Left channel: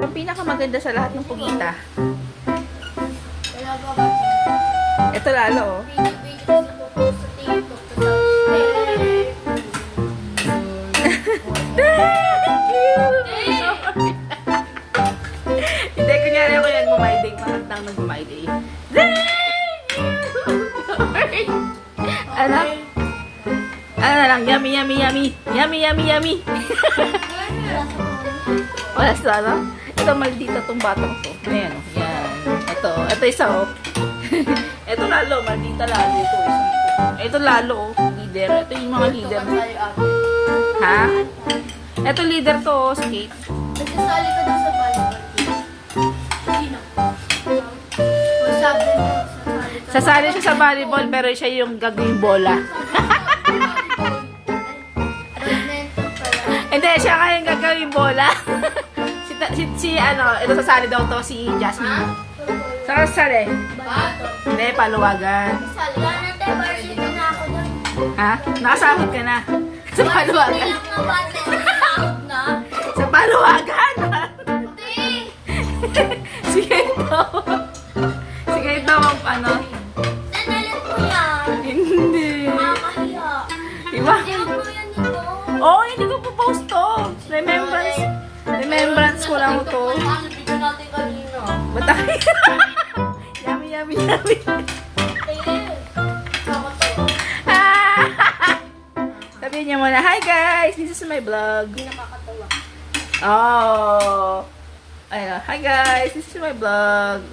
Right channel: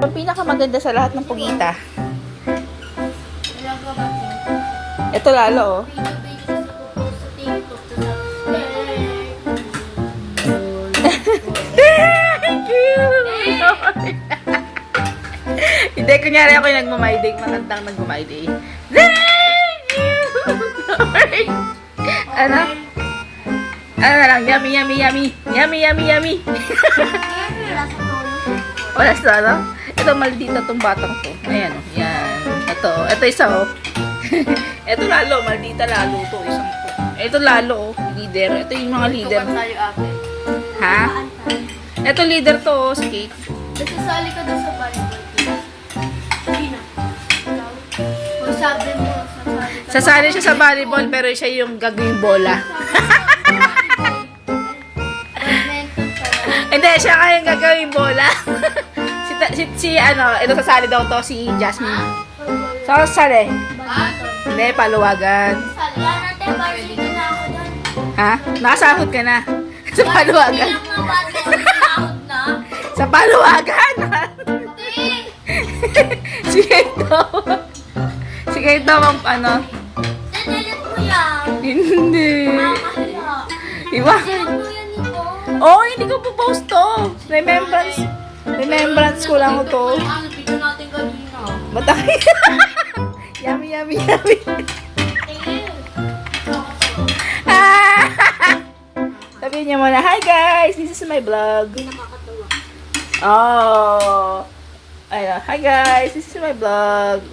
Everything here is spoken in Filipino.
Ang pinakamaganda sa lahat ng pugita. Ito lalo, oh. Thank you! Hindi, kunyari ako yung nagmamay-day. Matandang nagmamay-day. Thank you! Ano? Ano na lang? Yummy, yummy, yummy. Yummy, yummy, yummy. Wala sa ano? Ito, maldita tong batang to. Ayan, oh. Yan. Ito isa, oh. Ito lalo, maldita lalo to. Isang to. Ito lalo, oh. Leader. Ito yung mga leader. Ha? Ito leader to, oh. Si Kate. Nagsasali ka doon sa volleyball. Hindi na. Sabi mo, Sasali siya sa volleyball, pero siya yung gagawing bola. badminton pala. Hindi, siya nga yung gagawing bola. Ano, ito sasali daw to, si Jasmine. Sasali. Badminton. Hindi, paluwagan. Wala natin, varsity na ako doon. Ha? Nakasahod ka na. Sa paluwagan. Hindi lang mga badminton sahod na. Sa paluwagan. Hindi. Sige ito. Sige ito ang ano. Nanalan mo yan. Hindi. Nakakahiya. Iwa. Send mo yan ito. Oh, hindi ko po post to. Remembrance. Remembrance ko lang to. Bigyan natin kanina. Batay. Yummy, yummy, yummy. Sabihin niya muna, hi guys, this is my vlog. Hindi nakakatawa. Oh. Ayun, hi guys, this is my vlog.